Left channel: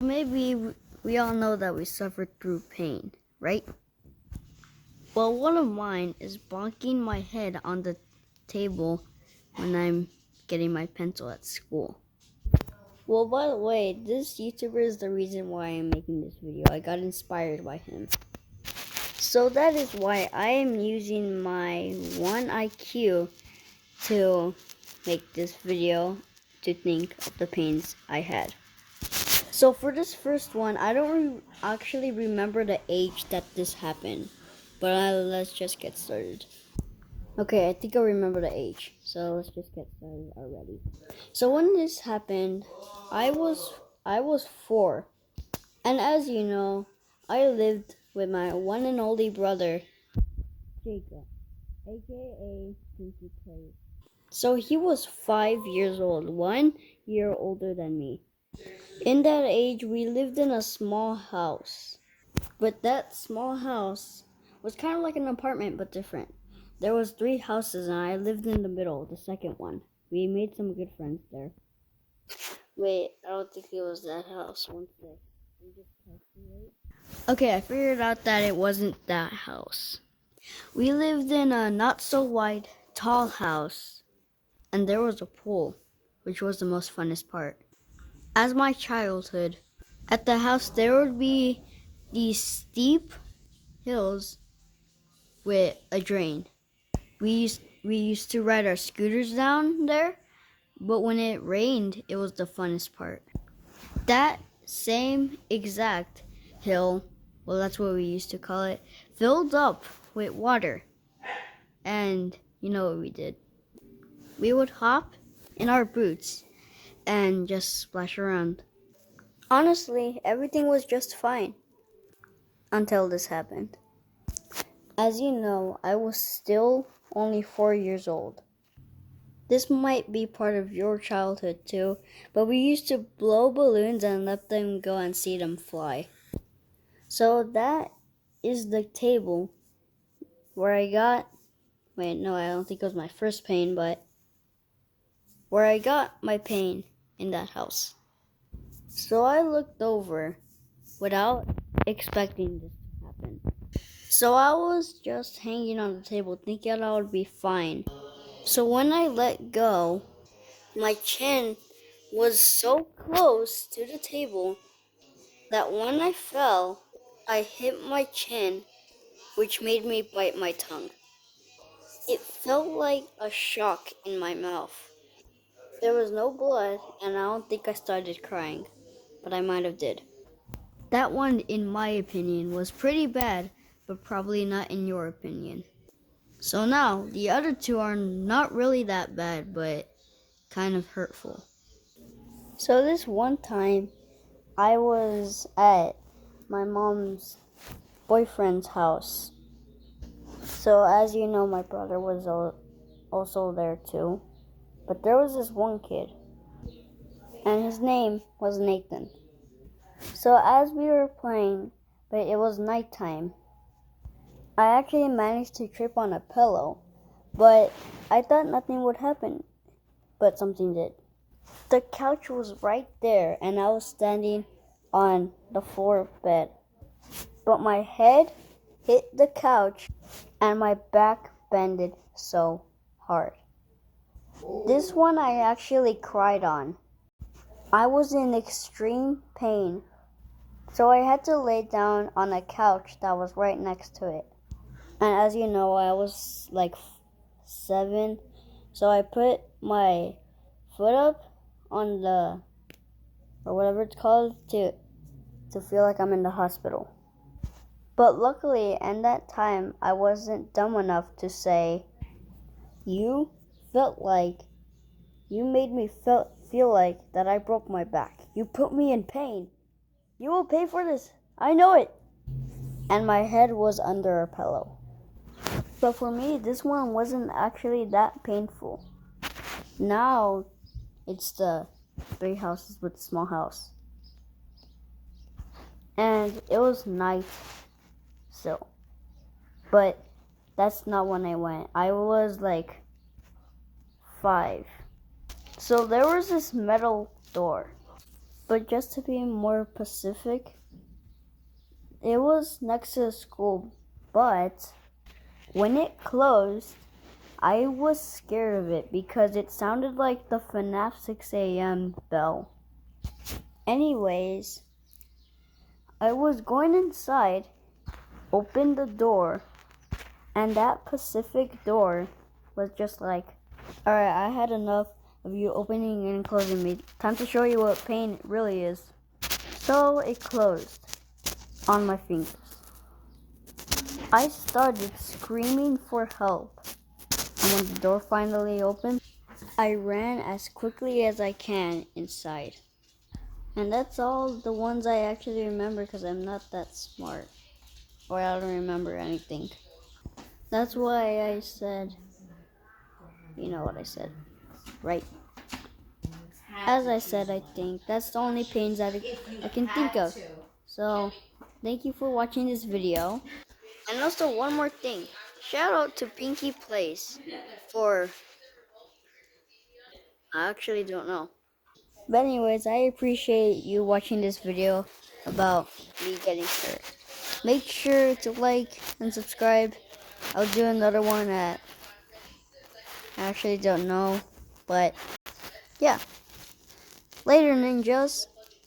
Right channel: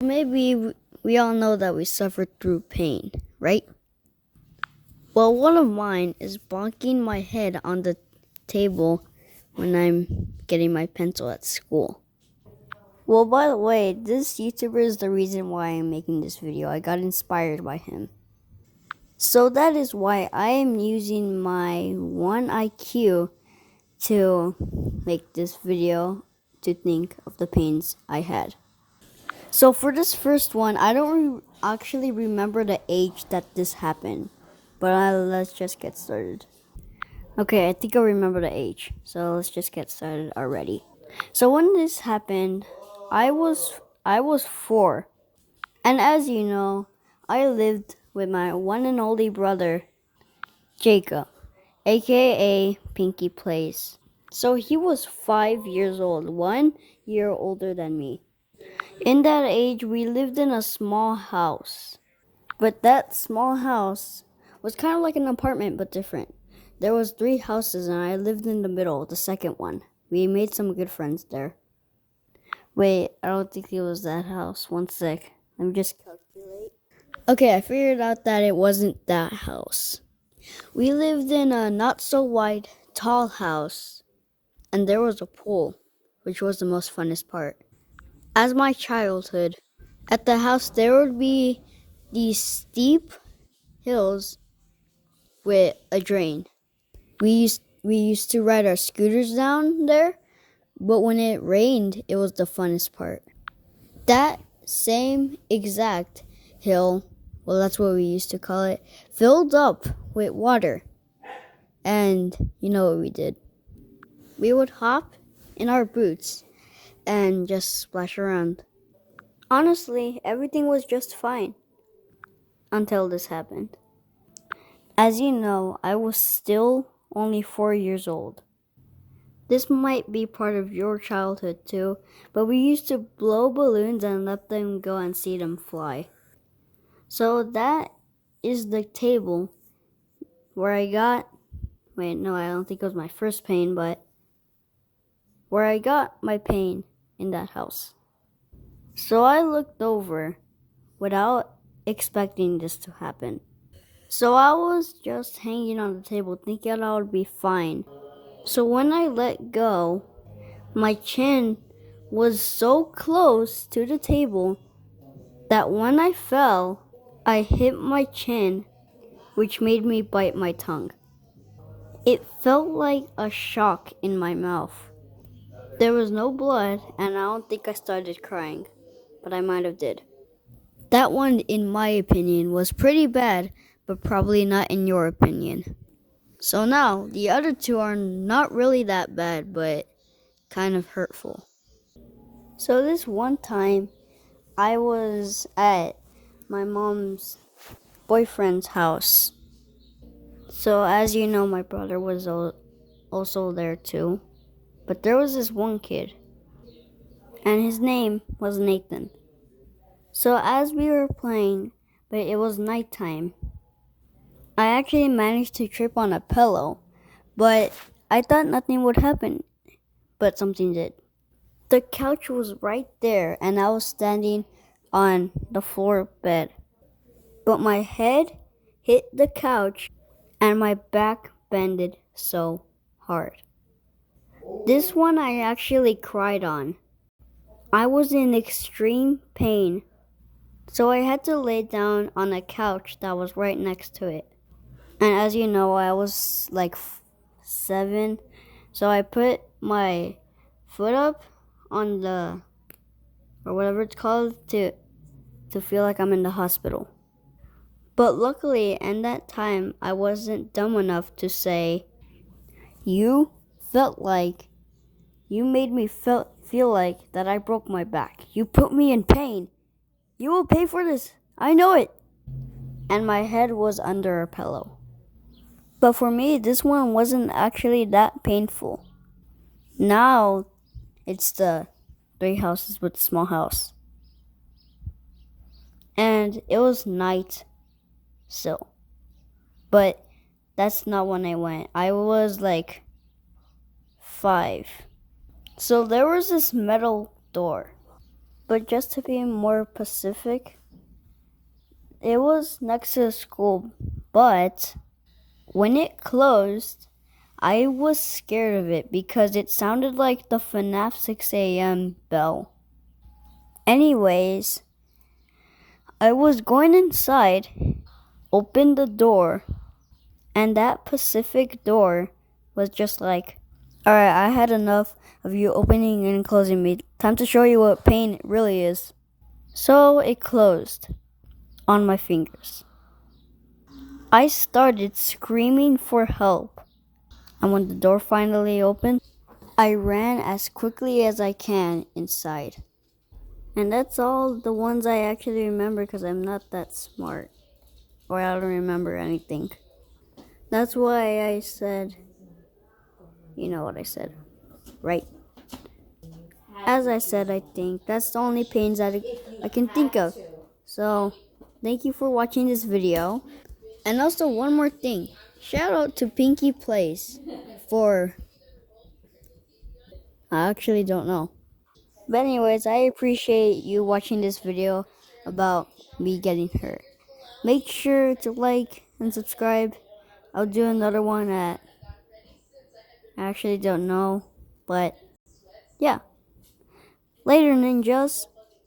Maybe we all know that we suffer through pain, right? Well, one of mine is bonking my head on the table when I'm getting my pencil at school. Well, by the way, this YouTuber is the reason why I'm making this video. I got inspired by him. So that is why I am using my 1 IQ to make this video to think of the pains I had. So for this first one, I don't actually remember the age that this happened, but let's just get started. Okay, I think I remember the age, so let's just get started already. So when this happened, I was 4, and as you know, I lived with my one and only brother, Jacob, aka Pinky Plays. So he was 5 years old, 1 year older than me. In that age, we lived in a small house. But that small house was kind of like an apartment, but different. There was 3 houses, and I lived in the middle, the second one. We made some good friends there. Wait, I don't think it was that house. One sec. Let me just calculate. Okay, I figured out that it wasn't that house. We lived in a not so wide, tall house, and there was a pool, which was the most funnest part. As my childhood, at the house there would be these steep hills with a drain. We used to ride our scooters down there, but when it rained, it was the funnest part. That same exact hill, well, that's what we used to call it, filled up with water. And you know what we did? We would hop in our boots and just splash around. Honestly, everything was just fine until this happened. As you know, I was still only 4 years old. This might be part of your childhood too, but we used to blow balloons and let them go and see them fly. So that is the table where I got, I don't think it was my first pain, but where I got my pain in that house. So I looked over without expecting this to happen. So I was just hanging on the table thinking I would be fine. So when I let go, my chin was so close to the table that when I fell, I hit my chin, which made me bite my tongue. It felt like a shock in my mouth. There was no blood, and I don't think I started crying, but I might have did. That one, in my opinion, was pretty bad, but probably not in your opinion. So now, the other 2 are not really that bad, but kind of hurtful. So this one time, I was at my mom's boyfriend's house. So as you know, my brother was also there too. But there was this one kid, and his name was Nathan. So as we were playing, but it was nighttime, I actually managed to trip on a pillow, but I thought nothing would happen, but something did. The couch was right there, and I was standing on the floor bed. But my head hit the couch, and my back bended so hard. This one I actually cried on. I was in extreme pain, so I had to lay down on a couch that was right next to it. And as you know, I was like 7, so I put my foot up on the, or whatever it's called, to feel like I'm in the hospital. But luckily, in that time, I wasn't dumb enough to say, you made me feel like that I broke my back. You put me in pain. You will pay for this. I know it. And my head was under a pillow. But for me, this one wasn't actually that painful. Now, it's the 3 houses with a small house. And it was night still. But that's not when I went. I was like 5. So there was this metal door. But just to be more specific, it was next to the school, but when it closed, I was scared of it because it sounded like the FNAF 6 a.m. bell. Anyways, I was going inside, opened the door, and that Pacific door was just like, alright, I had enough of you opening and closing me. Time to show you what pain really is. So it closed on my fingers. I started screaming for help. And when the door finally opened, I ran as quickly as I can inside. And that's all the ones I actually remember because I'm not that smart. Or I don't remember anything. That's why I said, you know what I said, right? As I said, I think that's the only pains I can think of. So, thank you for watching this video. And also, one more thing. Shout out to Pinky Plays for, I actually don't know. But anyways, I appreciate you watching this video about me getting hurt. Make sure to like and subscribe. I'll do another one at, I actually don't know, but yeah. Later, ninjas.